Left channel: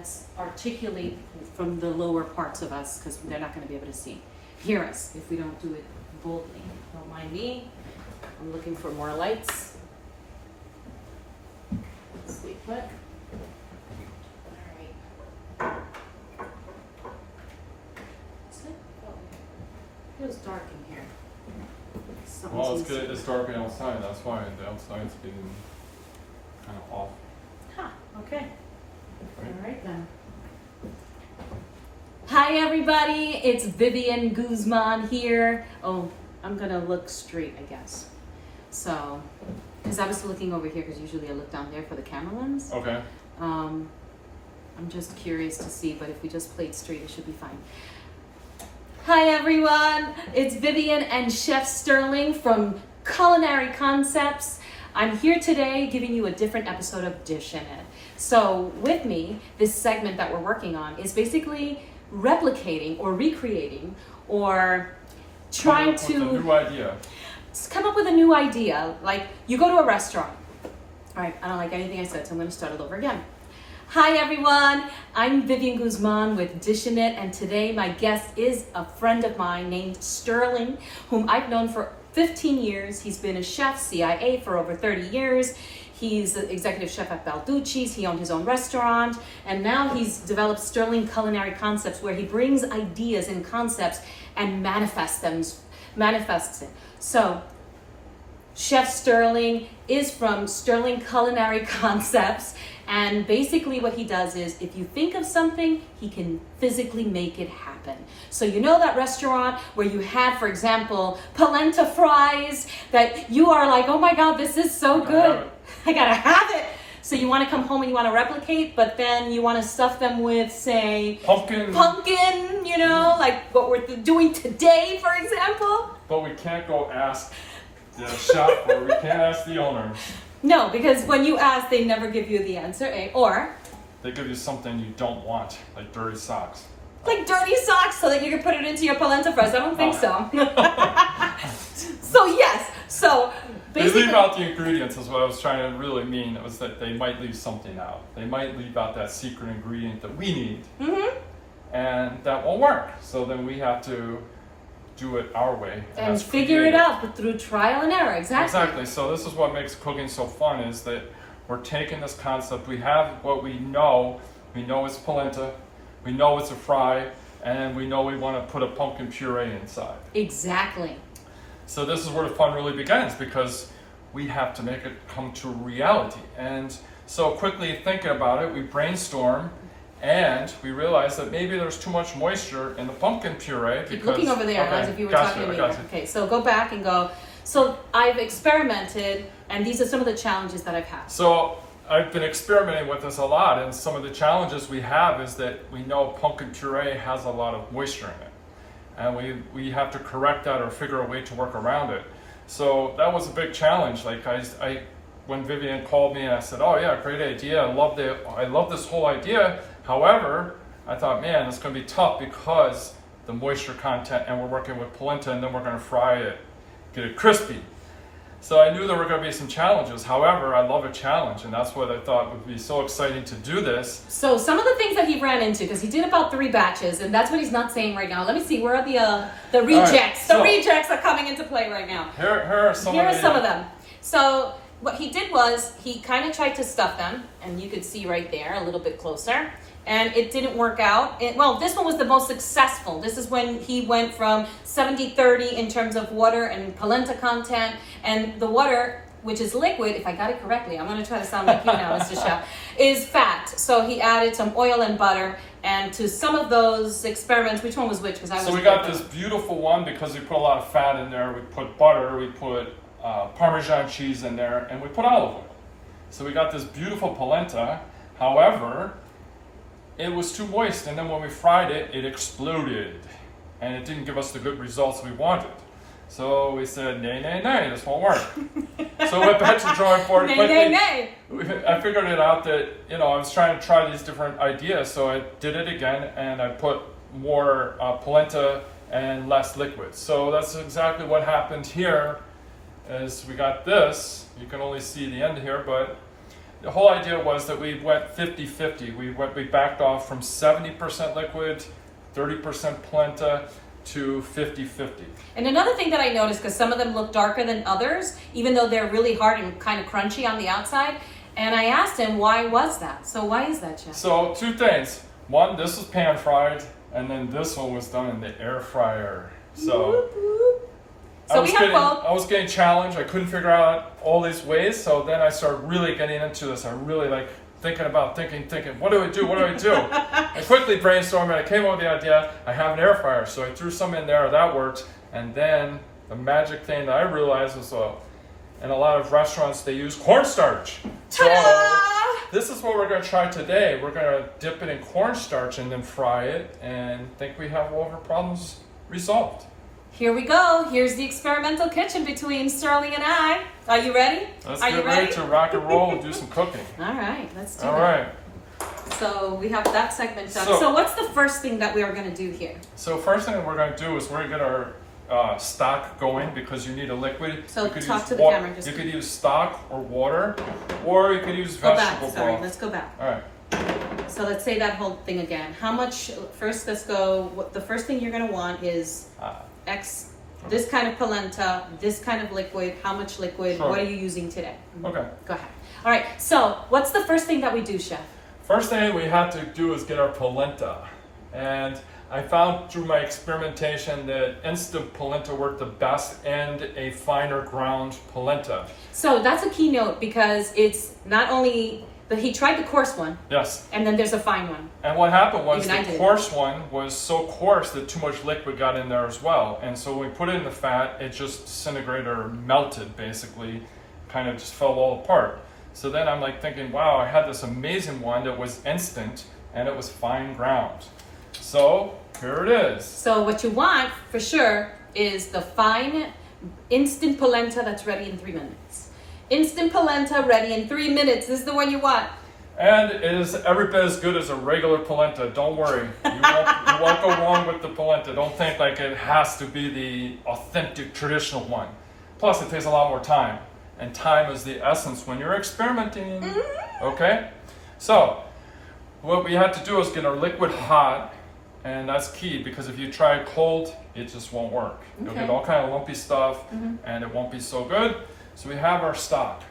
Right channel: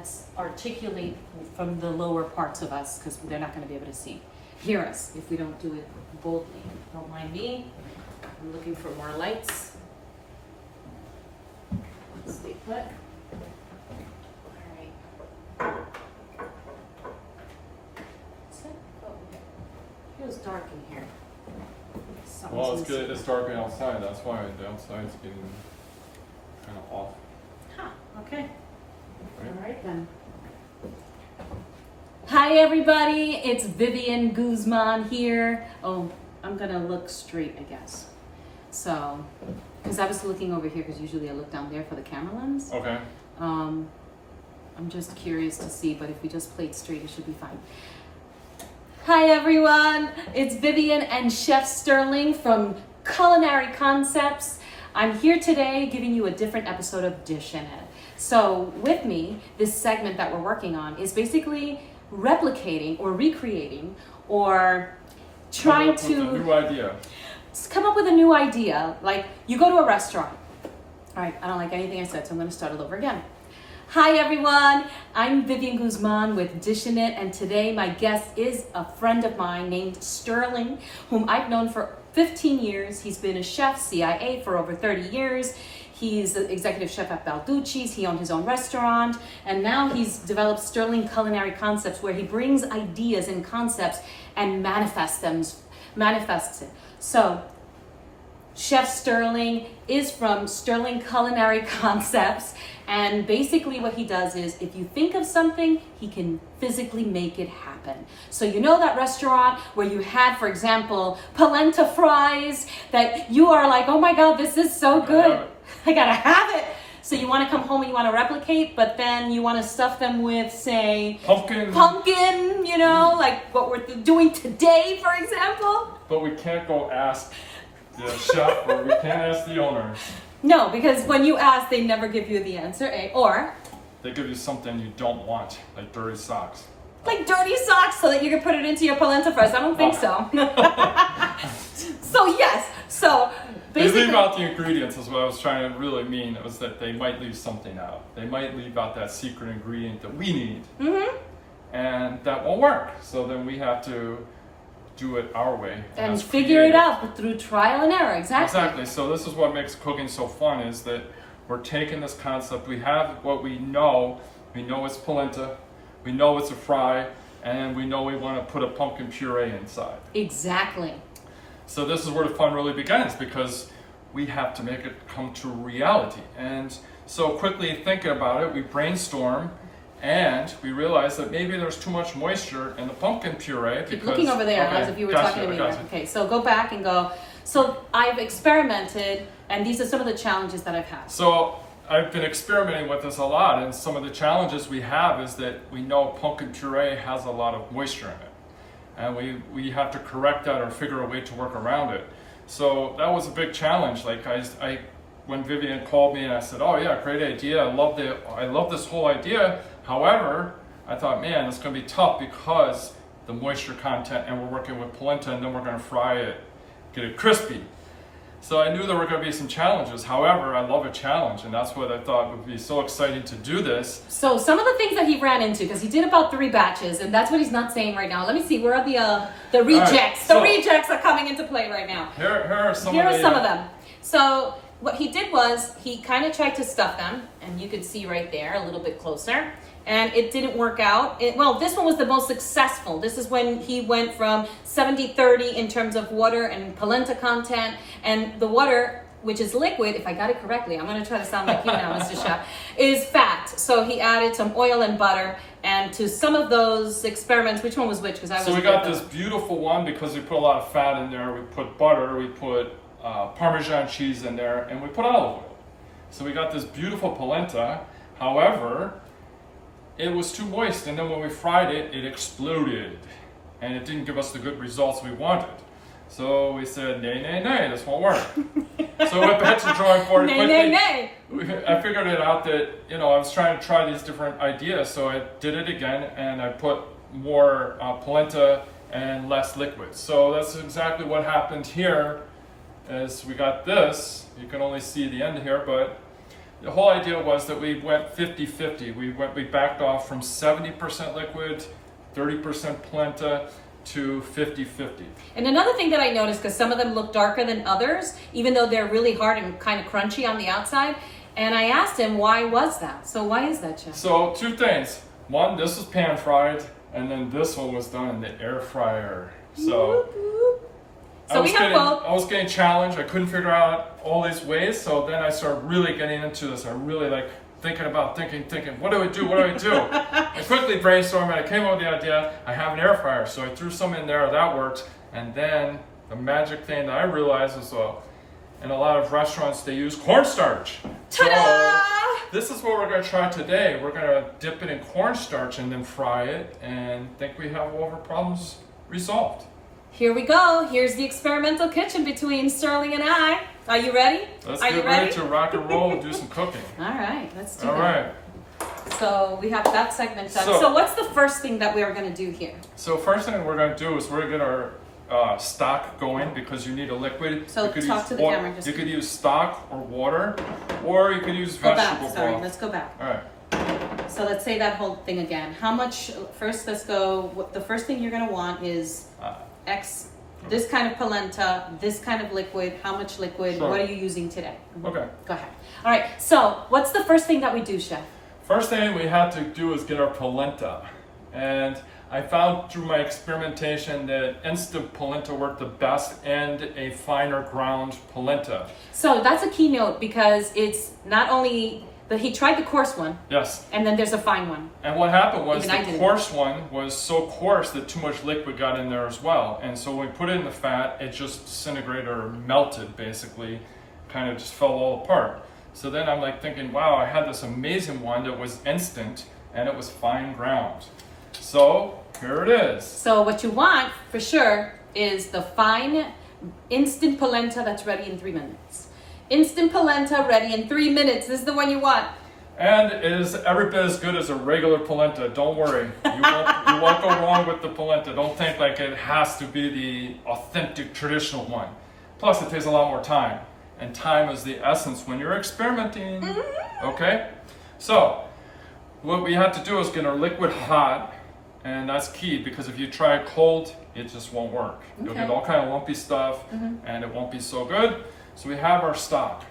let's articulate from the lower parts of us, because they're not going to be able to hear us if we don't do it boldly. Don't mind me. I'm looking for more lights. Stay put. All right. It feels dark in here. Well, it's good. It's dark outside. That's why the outside's getting kind of off. Huh. Okay. Right? All right then. Hi everybody, it's Vivian Guzman here. Oh, I'm gonna look straight, I guess. So, because I was looking over here, because usually I look down there for the camera lens. Okay. I'm just curious to see, but if we just played straight, it should be fine. Hi everyone, it's Vivian and Chef Sterling from Culinary Concepts. I'm here today giving you a different episode of Dishin' It. So with me, this segment that we're working on is basically replicating or recreating or trying to come up with a new idea. Come up with a new idea. Like you go to a restaurant. All right, I don't like anything I said, so I'm going to start it over again. Hi everyone, I'm Vivian Guzman with Dishin' It, and today my guest is a friend of mine named Sterling, whom I've known for 15 years. He's been a chef, CIA, for over 30 years. He's the executive chef at Balducci's. He owned his own restaurant, and now he's developed Sterling Culinary Concepts, where he brings ideas and concepts and manifests it. So, Chef Sterling is from Sterling Culinary Concepts, and basically what he does is, if you think of something, he can physically make it happen. So you know that restaurant where you had, for example, polenta fries that you are like, oh my God, this is so good. I gotta have it. So you want to come home and you want to replicate, but then you want to stuff them with, say, pumpkin, you know, like what we're doing today, for example. But we can't go ask the chef or we can't ask the owners. No, because when you ask, they never give you the answer, eh? Or they give you something you don't want, like dirty socks. Like dirty socks, so that you can put it into your polenta fries. I don't think so. So yes, so basically, they leave out the ingredients is what I was trying to really mean. It was that they might leave something out. They might leave out that secret ingredient that we need, and that won't work. So then we have to do it our way and figure it out through trial and error. Exactly. So this is what makes cooking so fun, is that we're taking this concept. We have what we know. We know it's polenta. We know it's a fry, and we know we want to put a pumpkin puree inside. Exactly. So this is where the fun really begins, because we have to make it come to reality. And so quickly thinking about it, we brainstorm, and we realize that maybe there's too much moisture in the pumpkin puree. Keep looking over there as if you were talking to me. Okay, so go back and go. So I've experimented, and these are some of the challenges that I've had. So I've been experimenting with this a lot, and some of the challenges we have is that we know pumpkin puree has a lot of moisture in it, and we have to correct that or figure a way to work around it. So that was a big challenge. Like when Vivian called me and I said, oh yeah, great idea, I love this whole idea. However, I thought, man, it's going to be tough because the moisture content, and we're working with polenta, and then we're going to fry it, get it crispy. So I knew there were going to be some challenges. However, I love a challenge, and that's what I thought would be so exciting to do this. So some of the things that he ran into, because he did about 3 batches, and that's what he's not saying right now. Let me see, where are the rejects? Right, so the rejects are coming into play right now. Here are some of them. So what he did was he kind of tried to stuff them, and you can see right there a little bit closer, and it didn't work out. Well, this one was the most successful. This is when he went from 70-30 in terms of water and polenta content, and the water, which is liquid, if I got it correctly, I'm going to try to sound like you now, Mr. Chef, is fat. So he added some oil and butter, and to some of those experiments, which one was which? So we got this beautiful one because we put a lot of fat in there. We put butter, we put Parmesan cheese in there, and we put olive oil. So we got this beautiful polenta. However, it was too moist, and then when we fried it, it exploded, and it didn't give us the good results we wanted. So we said, nay, this won't work. So we went back to the drawing board quickly. I figured it out that, I was trying to try these different ideas, so I did it again, and I put more polenta and less liquid. So that's exactly what happened here. As we got this, you can only see the end here, but the whole idea was that we went 50-50. We backed off from 70% liquid, 30% polenta to 50-50. And another thing that I noticed, because some of them look darker than others, even though they're really hard and kind of crunchy on the outside, and I asked him why was that? So why is that, Chef? So 2 things. One, this was pan fried, and then this one was done in the air fryer. So So we have both. I was getting challenged. I couldn't figure out all these ways. So then I started really getting into this. I really like thinking, what do I do? What do I do? I quickly brainstormed and I came up with the idea. I have an air fryer. So I threw some in there. That worked. And then the magic thing that I realized is in a lot of restaurants, they use cornstarch. Ta-da! So this is what we're going to try today. We're going to dip it in cornstarch and then fry it and think we have all of our problems resolved. Here we go. Here's the experimental kitchen between Sterling and I. Are you ready? Let's Are get you ready to rock and roll and do some cooking. All right, let's do All that. right. So we have that segment done. So- So what's the first thing that we're going to do here? So first thing we're going to do is we're going to get our stock going because you need a liquid. So you could talk use to the camera, just- You could use stock or water, or you could use Go vegetable back. Sorry, broth. let's go back. All right. So let's say that whole thing again. How much? First, let's go. The first thing you're going to want is X. This kind of polenta, this kind of liquid. How much liquid? Sure. What are you using today? Okay. Go ahead. All right. So what's the first thing that we do, Chef? First thing we have to do is get our polenta, and I found through my experimentation that instant polenta worked the best and a finer ground polenta. So that's a keynote because it's not only, but he tried the coarse one, Yes. and then there's a fine one. And what happened was Even I the did. coarse one was so coarse that too much liquid got in there as well. And so when we put it in the fat, it just disintegrated or melted basically, kind of just fell all apart. So then I'm like thinking, wow, I had this amazing one that was instant and it was fine ground. So here it is. So what you want for sure is the fine instant polenta that's ready in 3 minutes. Instant polenta ready in 3 minutes. This is the one you want. And it is every bit as good as a regular polenta. Don't worry, you won't go wrong with the polenta. Don't think like it has to be the authentic traditional one. Plus, it takes a lot more time, and time is the essence when you're experimenting. Okay, so what we have to do is get our liquid hot, and that's key because if you try it cold, it just won't work. You'll Okay. get all kind of lumpy stuff, and it won't be so good. So we have our stock,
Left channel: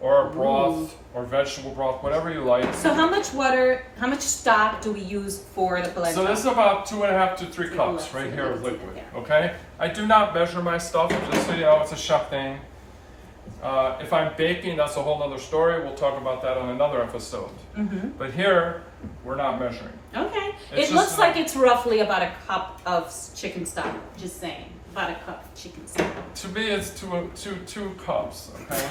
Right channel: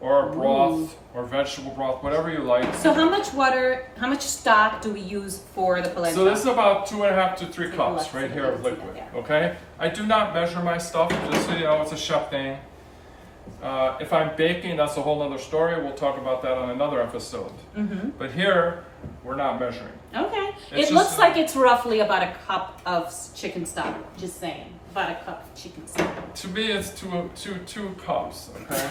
or our broth, or vegetable broth, whatever you like. So how much water, how much stock do we use for the polenta? So this is about 2.5 to 3 cups right here of liquid, okay? I do not measure my stuff, just so you know, it's a chef thing. If I'm baking, that's a whole other story. We'll talk about that on another episode. But here, we're not measuring. Okay. It's It looks just, like it's roughly about a cup of chicken stock. Just saying. About a cup of chicken stock. To me, it's two cups, okay?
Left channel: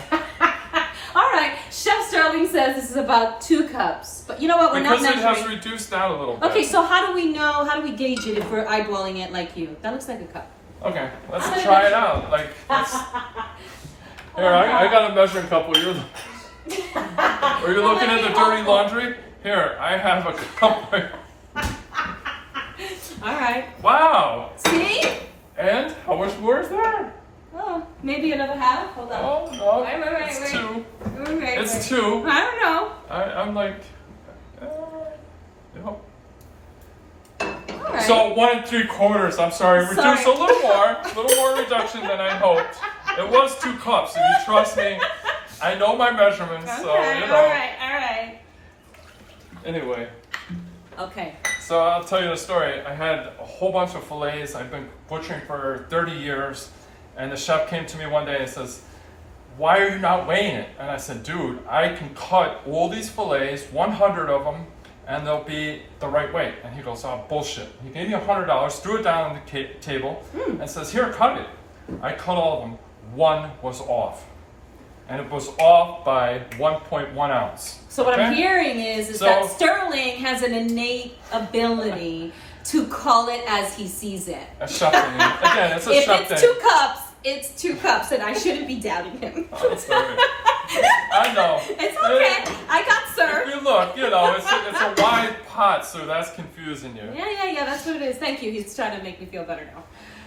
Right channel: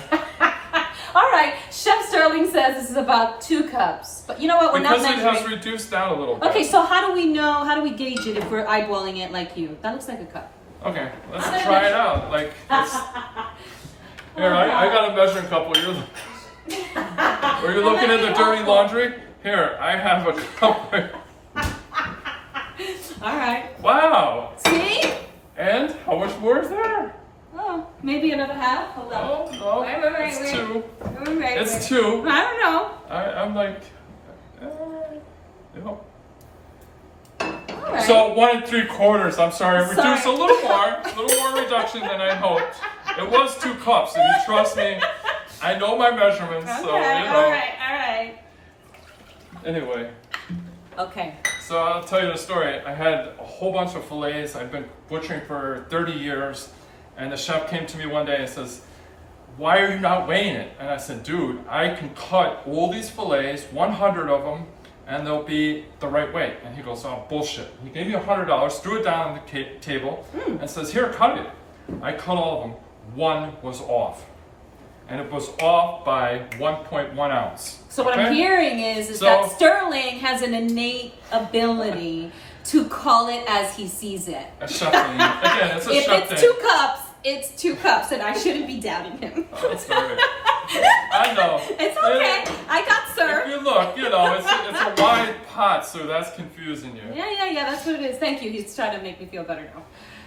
All right. Chef Sterling says this is about 2 cups. But you know what? We're Because not it measuring. has reduced down a little bit. Okay, so how do we know, how do we gauge it if we're eyeballing it like you? That looks like a cup. Okay, let's try it out. Like, here, I got a measuring cup. Are you looking at the dirty laundry? Here, I have a cup. All right. Wow! See? And how much more is there? Oh, maybe another half. Hold on. Oh, no, Wait. it's 2. Wait. It's 2. I don't know. I'm like, All right. So 1 3/4. I'm sorry, reduced a little more reduction than I hoped. It was 2 cups. If you trust me, I know my measurements, Okay, so you know. all right. Anyway, Okay. so I'll tell you the story. I had a whole bunch of fillets. I've been butchering for 30 years, and the chef came to me one day and says, "Why are you not weighing it?" And I said, "Dude, I can cut all these fillets, 100 of them, and they'll be the right weight." And he goes, "Oh, bullshit." He gave me $100, threw it down on the table, and says, "Here, cut it." I cut all of them. One was off. And it was off by 1.1 ounce. So what I'm Okay? hearing is So- that Sterling has an innate ability to call it as he sees it. A chef thing. Again, it's a If chef it's thing. 2 cups, it's 2 cups, and I shouldn't be doubting him. Oh, that's all right. I know. It's okay. I got If served. you look, it's a wide pot, so that's confusing you. Yeah, that's what it is. Thank you. He's trying to make me feel better now.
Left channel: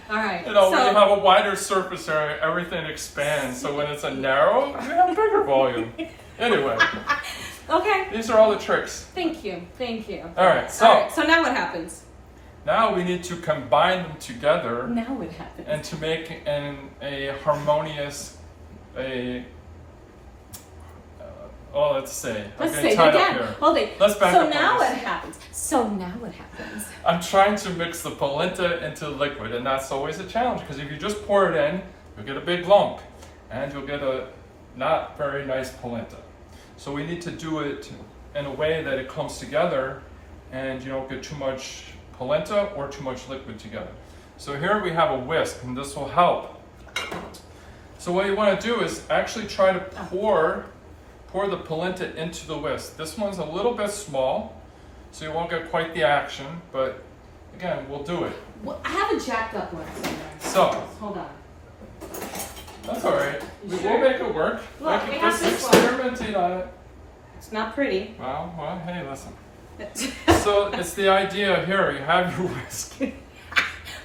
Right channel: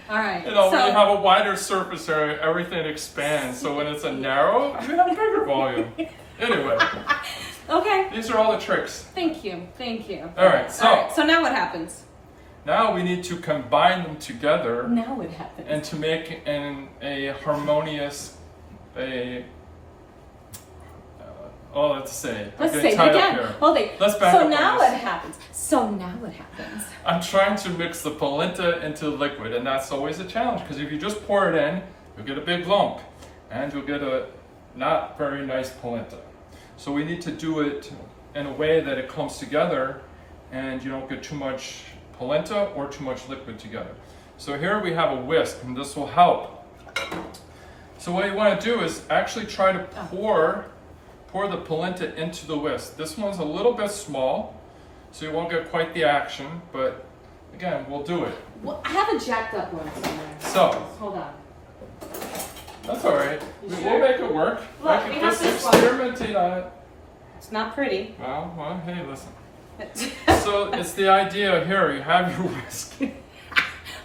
All right. When you have a wider surface area, everything expands. So when it's a narrow, you have bigger volume. Anyway, Okay. these are all the tricks. Thank you. Thank you. All right, so So now what happens? now we need to combine them together Now what happens? and to make a harmonious, let's say. Let's I'm say getting tied up again. here. Hold it. Let's back so up now on what this. happens? So now what happens? I'm trying to mix the polenta into liquid, and that's always a challenge because if you just pour it in, you'll get a big lump and you'll get a not very nice polenta. So we need to do it in a way that it comes together and you don't get too much polenta or too much liquid together. So here we have a whisk, and this will help. So what you want to do is actually try to pour the polenta into the whisk. This one's a little bit small, so you won't get quite the action, but again, we'll do it. Well, I have a jacked up one somewhere. So, Hold on. that's all right. We'll sure? make it work. Look, I can it has just this one. experimentate on it. It's not pretty. Well, hey, listen. So it's the idea here. You have your whisk.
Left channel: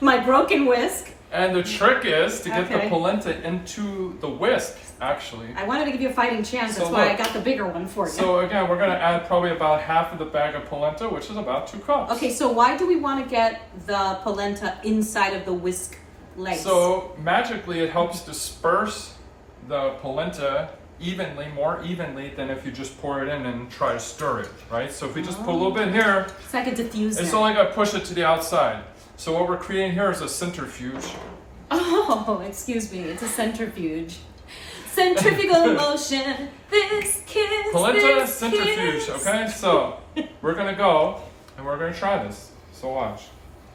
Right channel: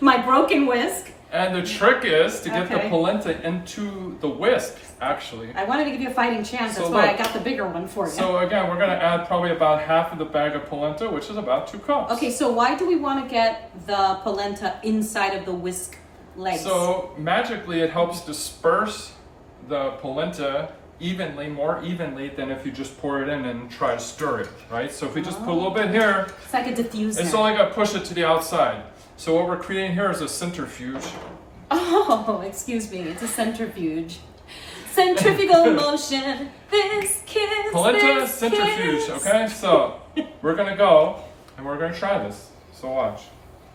My broken whisk. And the trick is to get the Okay. polenta into the whisk, actually. I wanted to give you a fighting chance. That's So why I look. got the bigger one for you. So again, we're going to add probably about half of the bag of polenta, which is about 2 cups. Okay, so why do we want to get the polenta inside of the whisk legs? So magically it helps disperse the polenta more evenly than if you just pour it in and try to stir it, right? So if we just put a little bit here, it's like a diffuser. it's only going to push it to the outside. So what we're creating here is a centrifuge. Oh, excuse me. It's a centrifuge. Centrifugal motion. This kiss. Polenta this centrifuge, kiss. okay? So we're going to go and we're going to try this. So watch.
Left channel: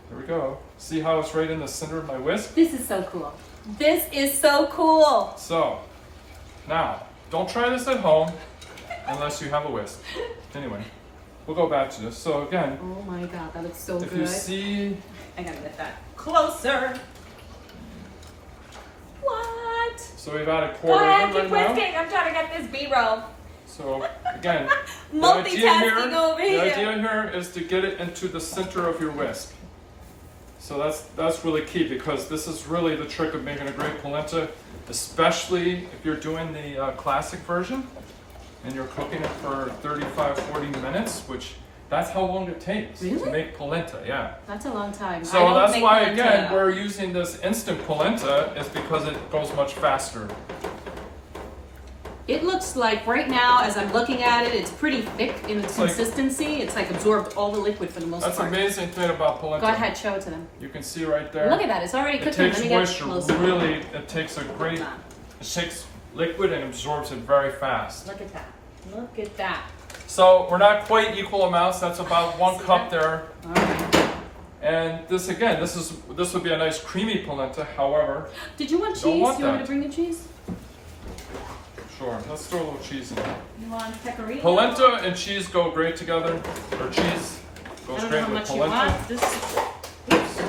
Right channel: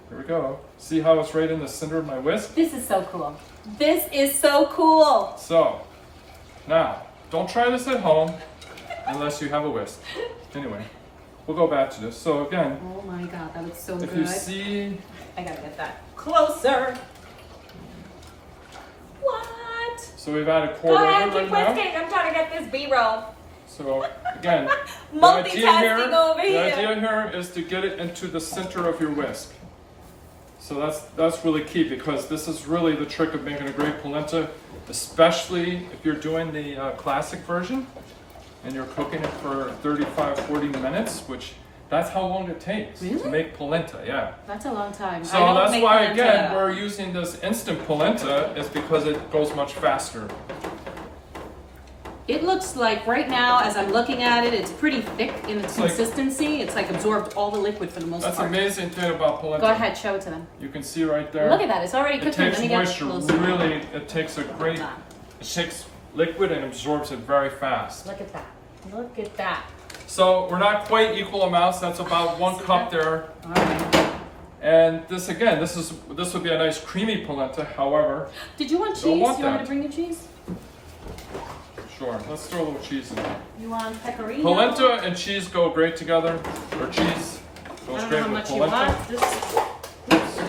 Here we go. See how it's right in the center of my whisk? This is so cool. This is so cool. So now, don't try this at home unless you have a whisk. Anyway, we'll go back to this. So again, Oh my god, that looks so if good. you see, I gotta get that closer. What? so we've added Go quarter ahead, of it keep right now. whisking. I'm trying to get this B-roll. So again, the idea Multitasking over the here. idea here is to get it into the center of your whisk. So that's really key because this is really the trick of making a great polenta, especially if you're doing the classic version and you're cooking it for 35-40 minutes, which that's how long it takes to Really? make polenta, yeah. That's a long time. I So don't that's make why polenta again now. we're using this instant polenta is because it goes much faster. It looks like right now, as I'm looking at it, it's pretty thick in its like- consistency. It's like absorbed all the liquid for the most That's the part. amazing thing about polenta. Go ahead, show it to them. You can see right there. Look at that, it's already It cooked. takes Let me get moisture closer. really, it takes a great, Hold on. it takes liquid and absorbs it very fast. Look at that. Look at that. So we're not quite equal amounts, that's about 1 See cup that? there. All right. And this again, this would be a nice creamy polenta, however, Did you want cheese? Don't want you want me that. to bring the cheese? sure, let's throw a little cheese in there. You want pecorino? Polenta and cheese go great together, or cheese I goes don't know great how with much you polenta. want. Oops.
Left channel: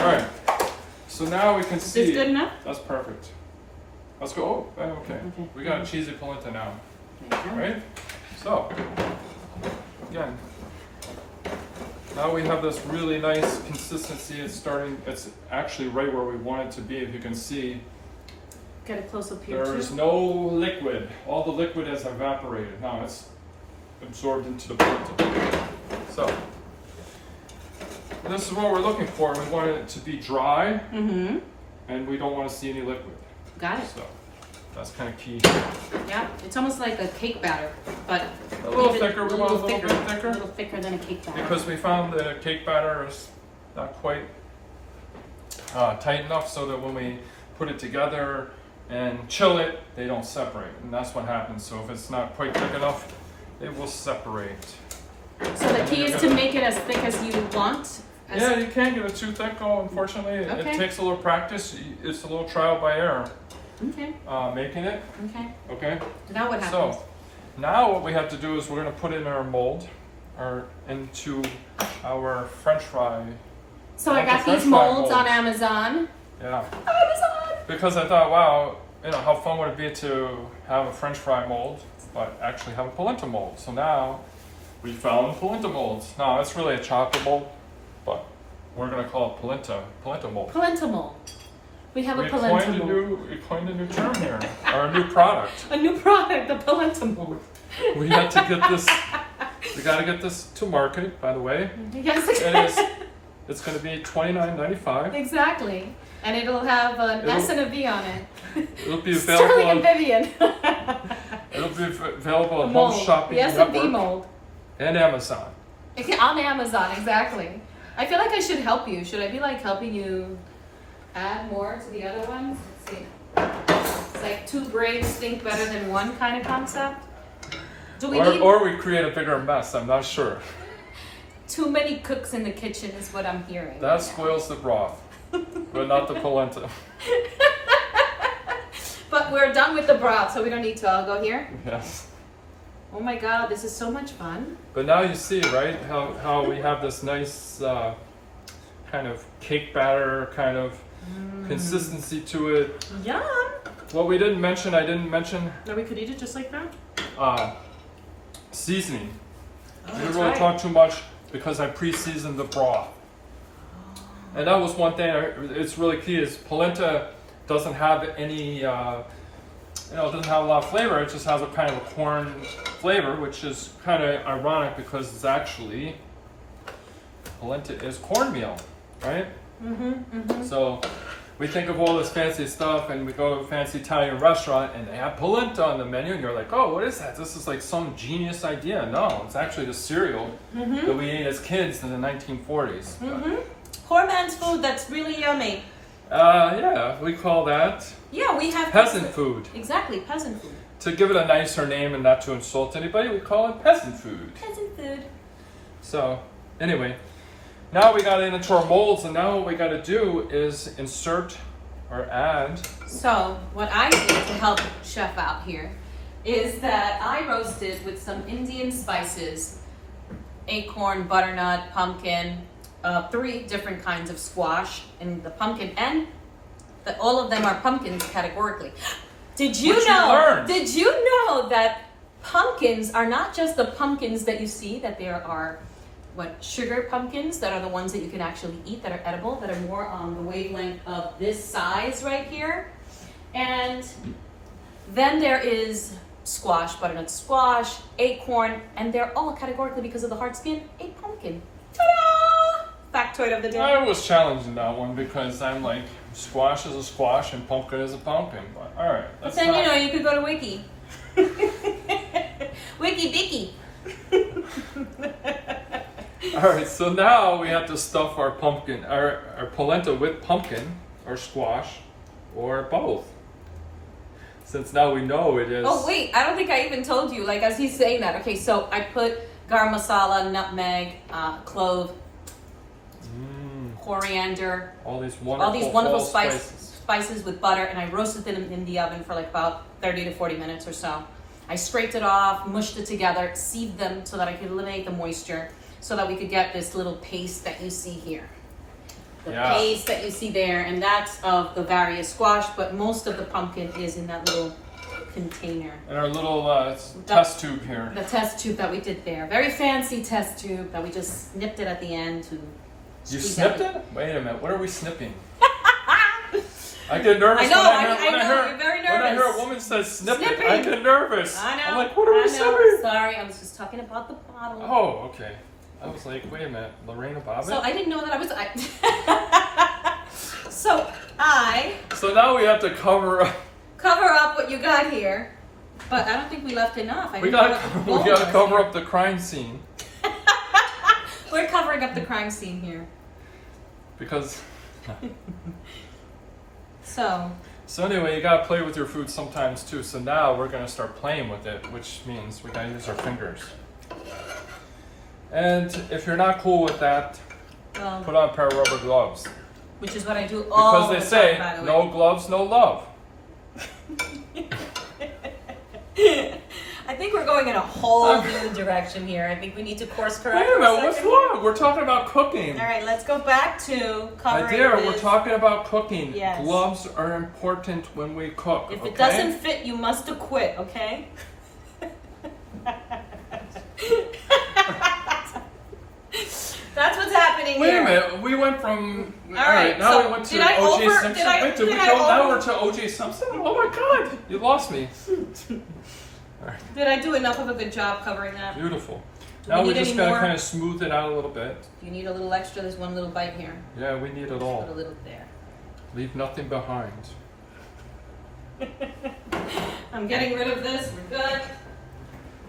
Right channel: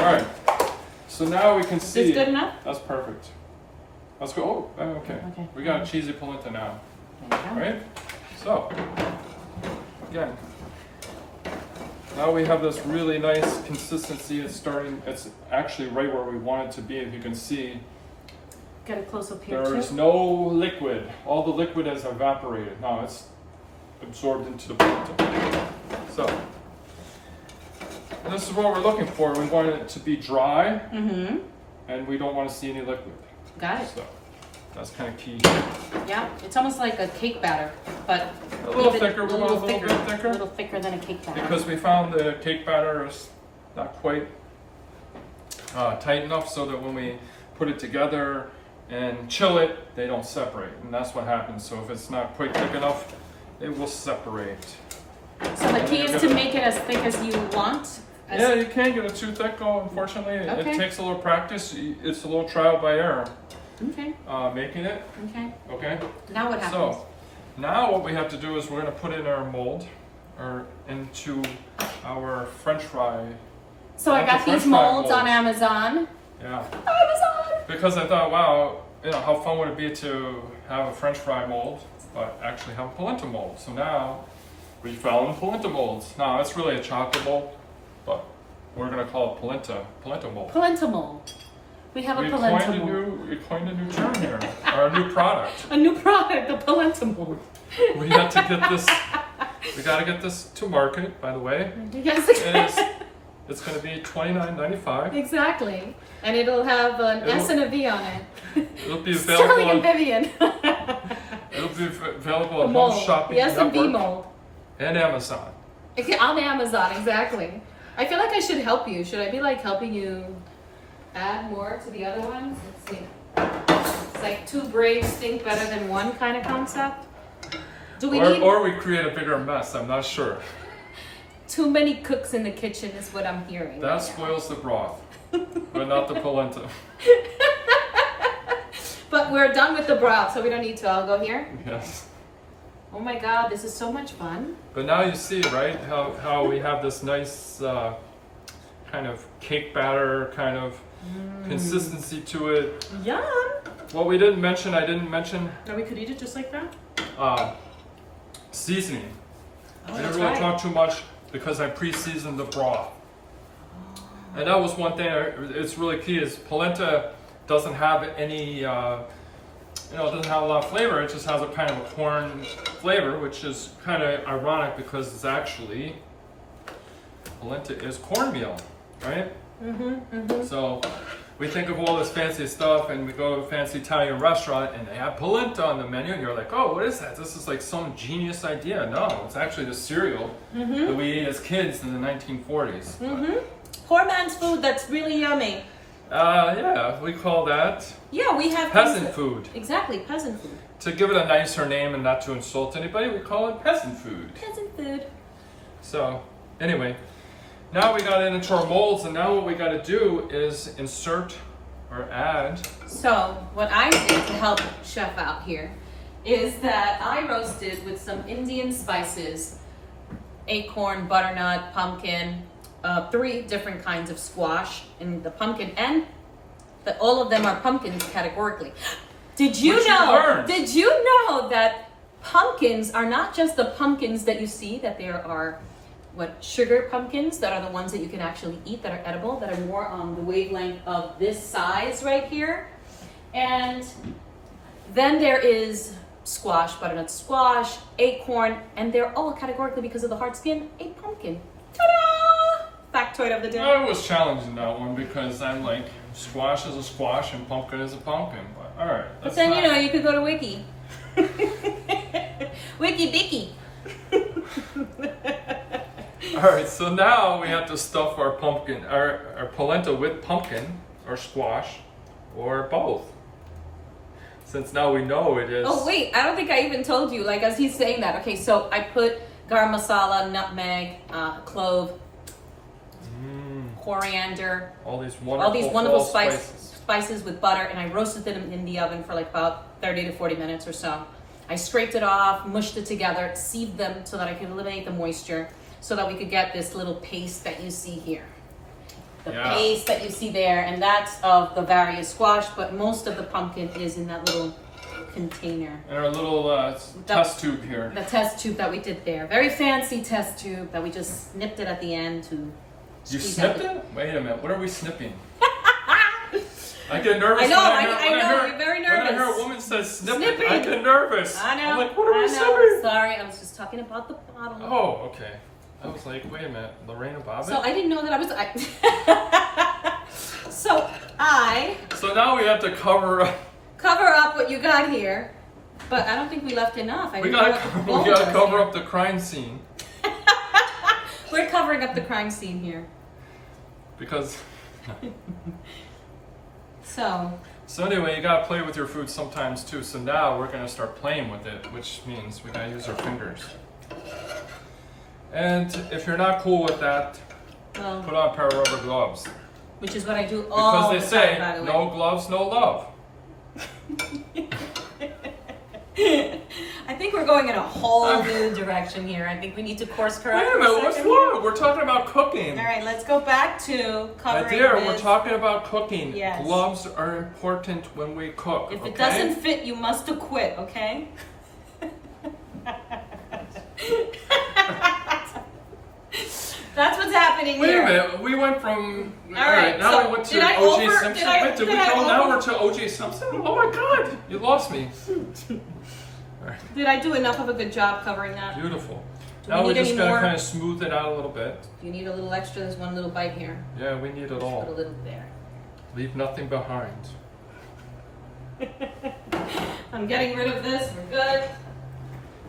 Alright, so now we can Is see. this good enough? That's perfect. Let's go, oh, okay. Okay. We got a cheesy polenta now. Okay. Right? So, again, now we have this really nice consistency. It's actually right where we want it to be. If you can see, Get a close up here there's too. no liquid. All the liquid has evaporated. Now it's absorbed into the polenta. So, this is what we're looking for. We want it to be dry, Mm-hmm. and we don't want to see any liquid. Got it. So, that's kind of key. Yeah, it's almost like a cake batter, but A little even- thicker. We want a little bit thicker. A little thicker than a cake batter. Because we found the cake batter is not quite tight enough so that when we put it together and chill it, they don't separate. And that's what happens. So if it's not quite thick enough, they will separate. So the key is to make it as thick as you want. Yeah, you can't get it too thick, though, unfortunately. Okay. It takes a little practice. It's a little trial by error Okay. making it. Okay. Okay? Now what happens? So now what we have to do is we're going to put it in our mold or into our French fry. So I That's got a French these fry molds mold. on Amazon. Yeah. Amazon! Because I thought, wow, how fun would it be to have a French fry mold, but actually have a polenta mold. So now we found polenta molds. Now it's really a chocolate mold, but we're gonna call it polenta mold. Polenta mold. We have a we polenta coined a mold. we coined a new term here, or a new product. A new product, the polenta mold. We had to get this. We got to get this to market. By the way, Yes. it's going to be $29.95. Exactly. And it'll have an S and a V on it. It'll be available. Sterling and On, Vivian. it'll be available on Mold. Home Shopping The S and V Network mold. and Amazon. Okay, on Amazon, exactly. I feel like I should help you. Should I be like helping you add more to the other ones? Let's see. It's like two brains think better than one kind of concept. Do we need Or we create a bigger mess. I'm not sure. too many cooks in the kitchen is what I'm hearing. That right now. spoils the broth, but not the polenta. But we're done with the broth, so we don't need to. I'll go here. Yes. Oh my God, this is so much fun. But now you see, right, how we have this nice kind of cake batter kind of consistency to it. Yum. What we didn't mention, I didn't mention Now we could eat it just like that. seasoning. Oh, I that's didn't really right. talk too much because I pre-seasoned the broth. And that was one thing, it's really key, is polenta doesn't have any, it doesn't have a lot of flavor, it just has a kind of a corn flavor, which is kind of ironic because it's actually, polenta is cornmeal, right? So we think of all this fancy stuff and we go to a fancy Italian restaurant and they have polenta on the menu and you're like, oh, what is that? This is like some genius idea. No, it's actually the cereal that we ate as kids in the 1940s. Poor man's food that's really yummy. Yeah, we call that Yeah, we have peasant food. Exactly, peasant food. To give it a nicer name and not to insult anybody, we call it peasant food. Peasant food. So, anyway, now we got into our molds, and now what we got to do is insert or add. So what I did to help chef out here is that I roasted with some Indian spices, acorn, butternut, pumpkin, 3 different kinds of squash, and the pumpkin, and all of them are pumpkins categorically. Did you Which you know? learned. Did you know that pumpkins are not just the pumpkins that you see? That there are sugar pumpkins that are the ones that you can actually eat, that are edible, that are more on the wavelength of this size right here. And then there is squash, butternut squash, acorn, and they're all categorically, because of the hard skin, a pumpkin. Ta-da! Factoid of the day. I was challenging that one because I'm like, squash is a squash and pumpkin is a pumpkin. But all right. But then, you could go to Wiki. Wiki Dicky. All right, so now we have to stuff our pumpkin, our polenta with pumpkin or squash or both. Since now we know it is. Oh wait, I don't think I even told you, like as he's saying that. Okay, so I put garam masala, nutmeg, clove, coriander, all these wonderful fall spices with butter, and I roasted them in the oven for like about 30 to 40 minutes or so. I scraped it off, mushed it together, sieved them so that I could eliminate the moisture, so that we could get this little paste that you see here. The paste that you see there, and that's of the various squash, but most of the pumpkin is in that little container. And our little test tube here. The test tube that we did there. Very fancy test tube that we just snipped it at the end to You squeeze snipped out it? Wait a minute, what are we snipping? I get nervous I know, when I know, you're very When I hear nervous. a woman say snipping, Snipping. I get nervous. I know. I'm like, what are we I know. snipping? Sorry, I was just talking about the bottle. Oh, okay. I was like, wait a minute, Lorena Bobbitt? So I didn't know that I was. So now we have to cover up what you got here, but I don't think we left enough. we gotta cover up the crime scene. We're covering up the crime scene here. Because So anyway, you gotta play with your food sometimes too. So now we're gonna start playing with it, which means we gotta use our fingers. And if you're not cool with that, well, put on a pair of rubber gloves. which is what I do all Because the they time, say, by the way. no gloves, no love. I think we're going in a whole new direction here. I think we need to course correct. Wait a for minute, what's second. wrong? We're talking about cooking. All right, let's go back to My covering dear, this. we're talking about cooking. Yes. Gloves are important when we cook. If okay? it doesn't fit, you must acquit, okay? That's what's happening Wait here. a minute, we went from. All right, now so we went to did I O.J. over- Simpson. did I- Wait, did we did I go now over- we're to O.J. Simpson? Oh my God, you lost me. All right, Did I do enough of a good job covering that? beautiful. Do Now we we need just any gotta more? kind of smooth it out a little bit. If you need a little extra, there's one little bite here. Yeah, we need it Put a all. little there. Leave nothing behind. I'm getting rid of this. We're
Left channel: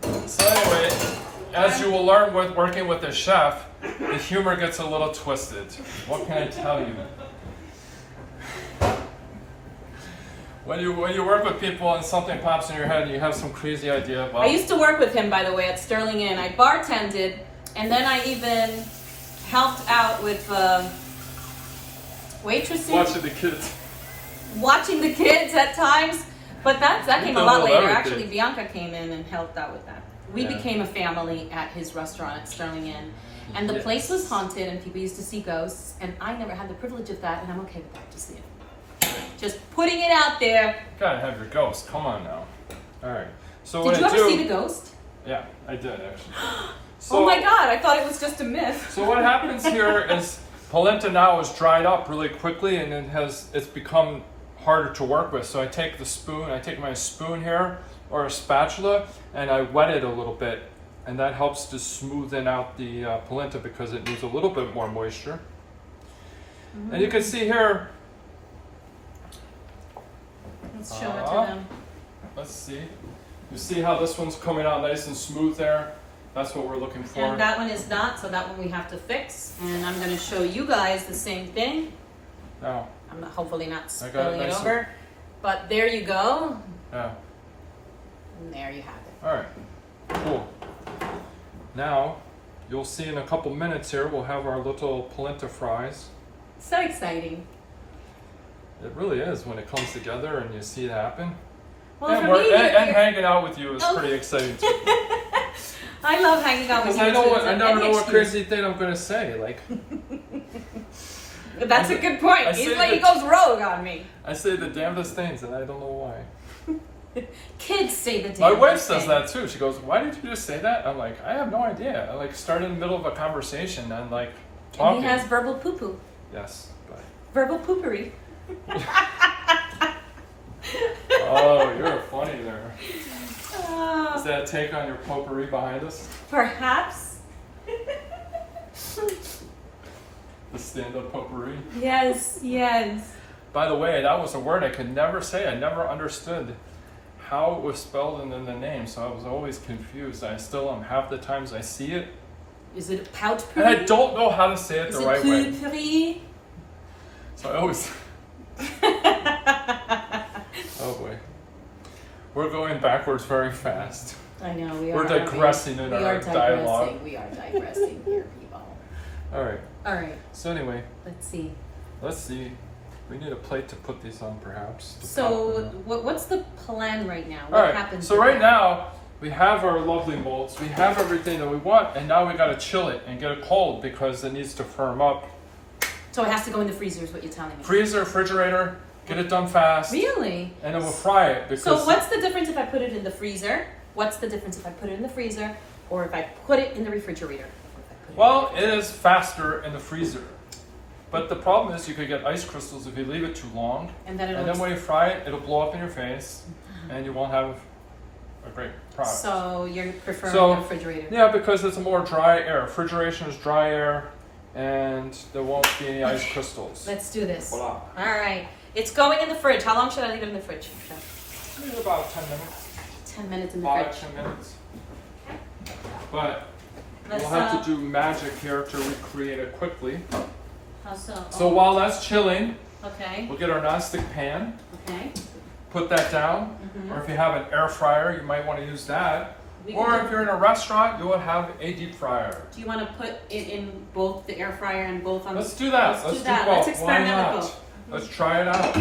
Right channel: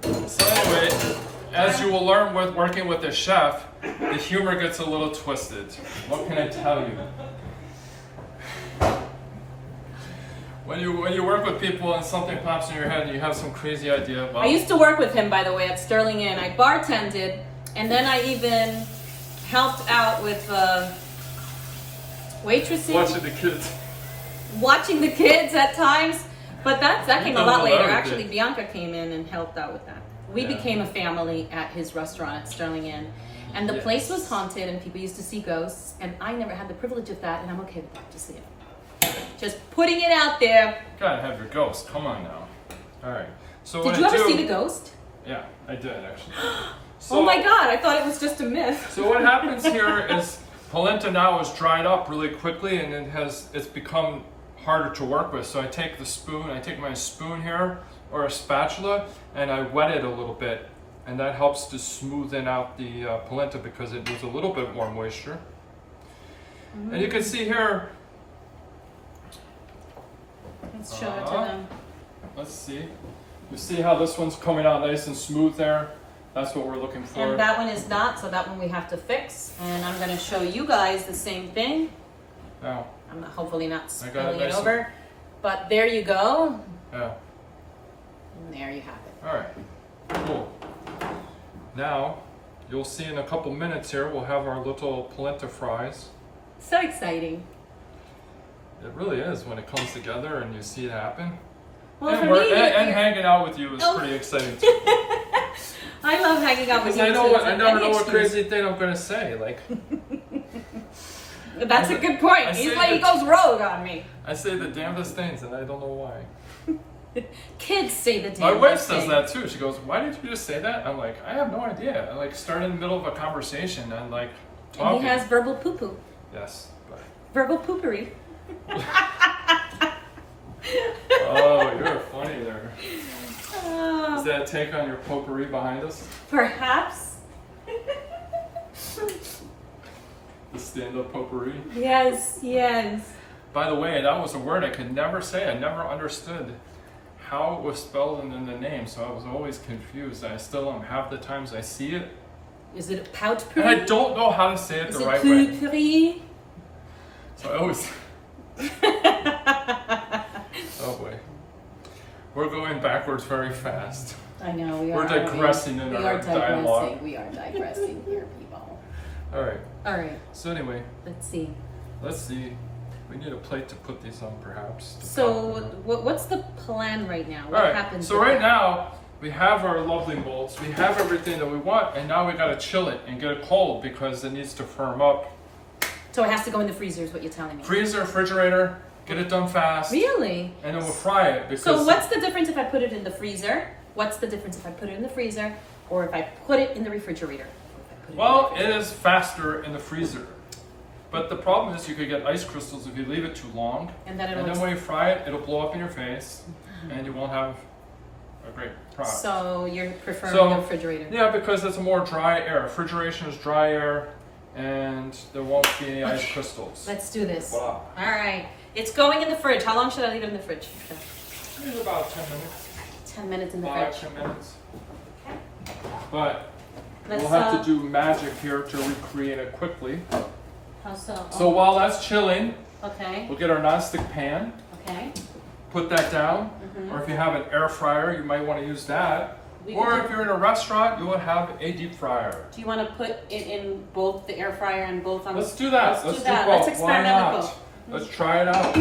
good. So anyway, as you will learn with working with the chef, the humor gets a little twisted. What can I tell you? When you work with people and something pops in your head and you have some crazy idea, well, I used to work with him, by the way, at Sterling Inn. I bartended, and then I even helped out with waitressing, watching the kids. watching the kids at times. But that came a done lot well, later. everything. Actually, Bianca came in and helped out with that. We Yeah. became a family at his restaurant at Sterling Inn. And the Yes. place was haunted, and people used to see ghosts. And I never had the privilege of that, and I'm okay with that, just so you know. Just putting it out there. Gotta have your ghost. Come on now. All right. So Did what you I ever do, see the ghost? Yeah, I did actually. Oh my God, I thought it was just a myth. So what happens here is polenta now is dried up really quickly, and it's become harder to work with. So I take my spoon here or a spatula, and I wet it a little bit, and that helps to smoothen out the polenta because it needs a little bit more moisture. Mm-hmm. And you can see here. Let's show it to Uh-huh. them. Let's see. You see how this one's coming out nice and smooth there? That's what we're looking for. And that one is not, so that one we have to fix. And I'm going to show you guys the same thing. Now, I'm not, hopefully not I got it spilling it nice and- over. But there you go. yeah. And there you have it. All right. Cool. Now, you'll see in a couple minutes here, we'll have our little polenta fries. So exciting. It really is when it comes together and you see it happen. Well, and for me, and you're- hanging out with you is Oh. pretty exciting too. I love hanging out with Because you. I know It's I like never any know what excuse. crazy thing I'm going to say. Like, That's a good point. I He's say like, he that- goes rogue on me. I say the damnedest things and I don't know why. Kids say the damn My wife thing. says that too. She goes, "Why did you just say that?" I'm like, "I have no idea." I like start in the middle of a conversation and like And talking. he has verbal poo-poo. Yes. But, Verbal poopery. oh, you're funny there. Oh, Is that a take on your potpourri behind us? perhaps. The stand-up potpourri. Yes, yes. By the way, that was a word I could never say. I never understood how it was spelled in the name, so I was always confused. I still am half the times I see it, Is it a pout and I puree? don't know how to say it Is the it right way. puree? So I always. Oh boy, we're going backwards very fast. I know we are. We're digressing in we our are dialogue. digressing. We are digressing here, people. All right. All right, So anyway, let's see. let's see. We need a plate to put these on, perhaps. to So, complement. what's the plan right now? All What right. happens? So with right that? now we have our lovely molds. We have everything that we want, and now we got to chill it and get it cold because it needs to firm up. So it has to go in the freezer, is what you're telling me. Freezer, refrigerator, get it done fast, Really? and then we'll fry it. Because So what's the difference if I put it in the freezer? What's the difference if I put it in the freezer or if I put it in the refrigerator? Or if I put it well, it is faster in the freezer. But the problem is you could get ice crystals if you leave it too long. And then And then when you fry it, it'll blow up in your face, and you won't have a great product. So you're preferring So- the refrigerator? Yeah, because it's a more dry air. Refrigeration is dry air, and there won't be any ice crystals. Let's do this. Voila. All right. It's going in the fridge. How long should I leave it in the fridge, Chef? Maybe about 10 minutes. 10 minutes in the 5, fridge. 10 minutes. But Let's, we'll have to do magic here to recreate it quickly. How so? So while that's chilling, Okay. we'll get our nonstick pan, Okay. put that down, or if you have an air fryer, you might want to use that. We Or can if you're in a restaurant, you will have a deep fryer. Do you want to put it in both the air fryer and both on? Let's do that. Let's do do that. both. Let's Why experiment with not? both. Let's try it out.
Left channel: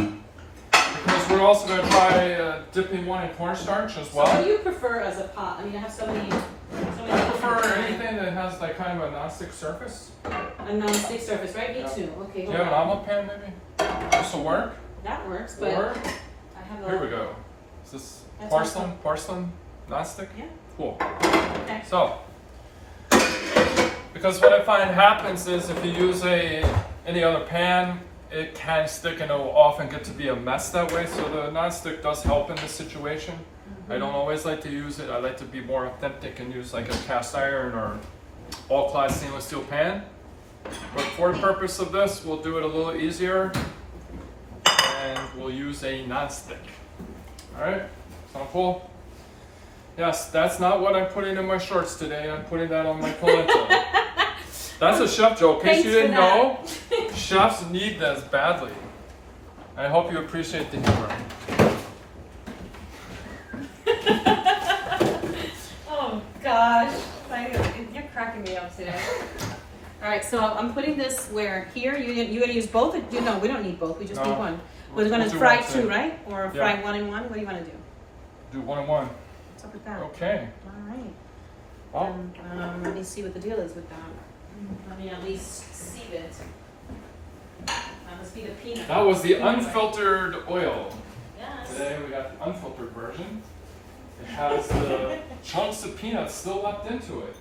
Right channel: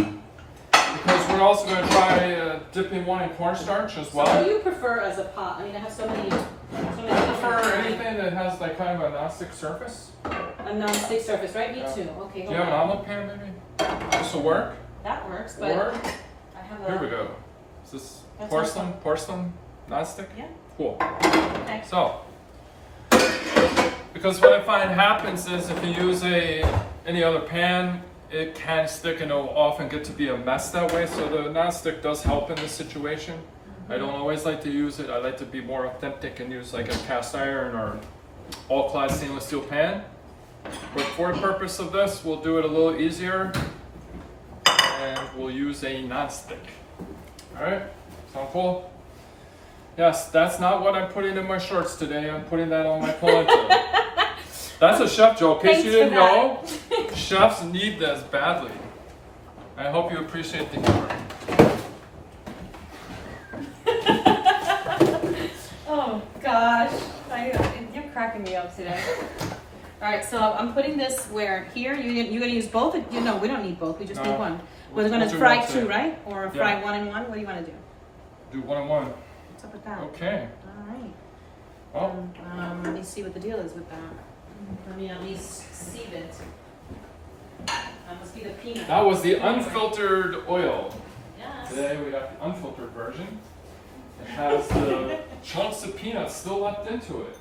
Because we're also going to try dipping one in cornstarch as So what well. do you prefer as a pot? I mean, I have so many. I prefer anything that has like kind of a non-stick surface. A non-stick surface, right? Me Yeah. too. Okay. Do you have an omelet pan maybe? This will work. That works, but Or I have a. here we go. Is this That's porcelain non-stick? Yeah. Cool. Okay. So, Because what I find happens is if you use any other pan, it can stick and it'll often get to be a mess that way. So the nonstick does help in this situation. I don't always like to use it. I like to be more authentic and use like a cast iron or all-clad stainless steel pan. But for the purpose of this, we'll do it a little easier and we'll use a nonstick. All right, sound cool? Yes, that's not what I'm putting in my shorts today. I'm putting that on my polenta. That's a chef joke. In case you didn't know, chefs need this badly. I hope you appreciate the humor. Oh gosh, you're cracking me up today. All right, so I'm putting this where here. You're gonna use both. No, we don't need both. We just need one. We're gonna fry one two, today. right? Or fry one and one. What do you want to do? Do one and one. What's up with that? Okay. All right. Oh. Let me see what the deal is with that. Let me at least see it. That must be the peanut. That was the unfiltered oil. Yes. Today we got the unfiltered version. It has the chunks of peanuts still left into it.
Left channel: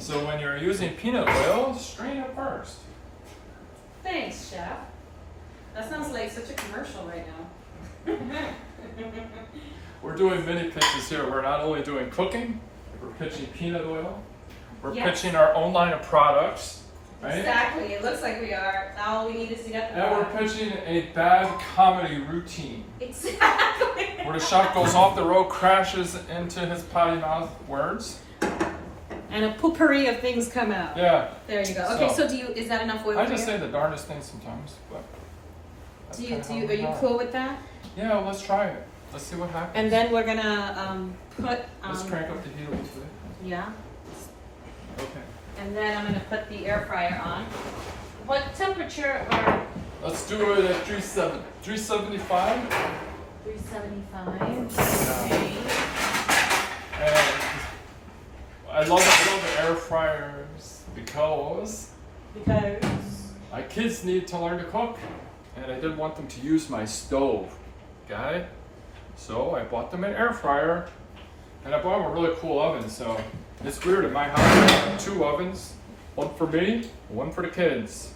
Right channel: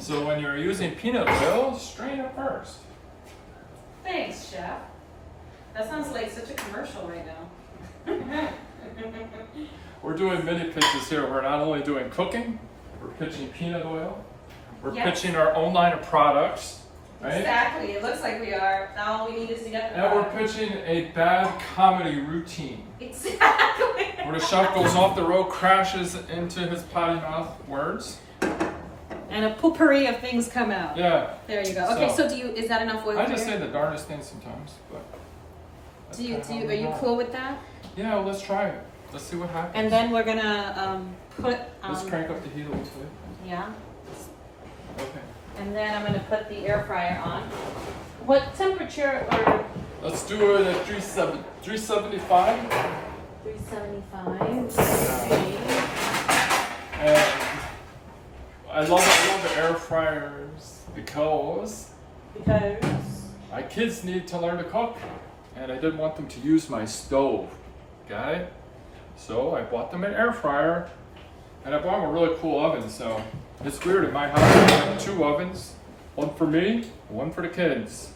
So when you're using peanut oil, strain it first. Thanks, Chef. That sounds like such a commercial right now. We're doing mini pitches here. We're not only doing cooking, we're pitching peanut oil. We're pitching our own line of products, right? Exactly. It looks like we are. Now all we need is to get the And we're pitching a bad comedy routine. Exactly. Where the chef goes off the road, crashes into his potty mouth words. And a potpourri of things come out. Yeah. There you go. Okay, so is that enough oil? I just say the darndest things sometimes, but. Are you cool with that? Yeah, well, let's try it. Let's see what happens. And then we're gonna put. Let's crank up the heat a little bit. Yeah. Okay. And then I'm gonna put the air fryer on. What temperature? Or Let's do it at 375. 375. Okay. And I love air fryers because my kids need to learn to cook, and I didn't want them to use my stove. Okay? So I bought them an air fryer, and I bought them a really cool oven. So it's weird, in my house I have two ovens, one for me, one for the kids.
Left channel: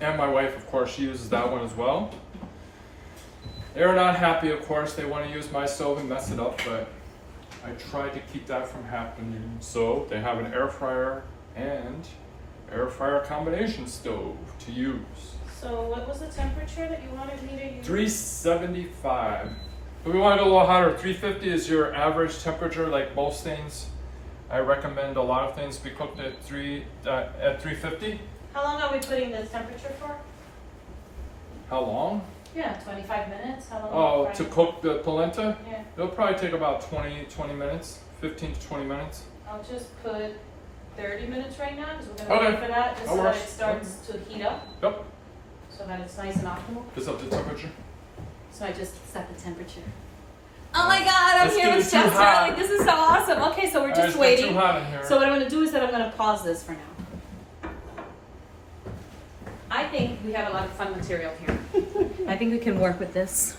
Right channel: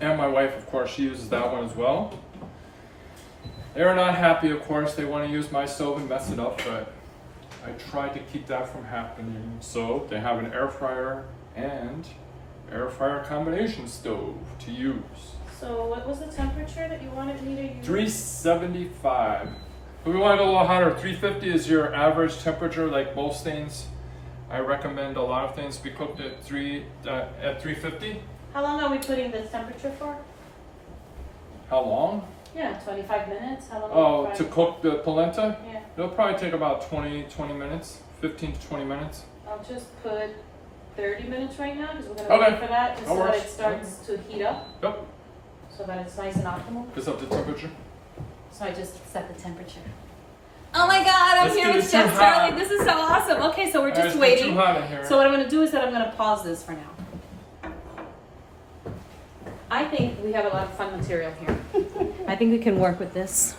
And my wife, of course, she uses that one as well. They're not happy, of course. They want to use my stove and mess it up, but I tried to keep that from happening. So they have an air fryer and air fryer combination stove to use. So what was the temperature that you wanted me to use? 375. If we want to go a little hotter, 350 is your average temperature, like most things. I recommend a lot of things be cooked at 350. How long are we putting this temperature for? How long? Yeah, 25 minutes. How long? Oh, to cook the polenta? Yeah. It'll probably take about 20 minutes, 15 to 20 minutes. I'll just put 30 minutes right now because we're going to wait for that just so that it starts to heat up. Yep. So that it's nice and optimal. Just up the temperature. So I just set the temperature. Oh my God, I'm here with Chef Charlie. This is so awesome. Okay, so we're just waiting. Too hot in here. So what I'm going to do is that I'm going to pause this for now. I think we have a lot of fun material here. I think we can work with this.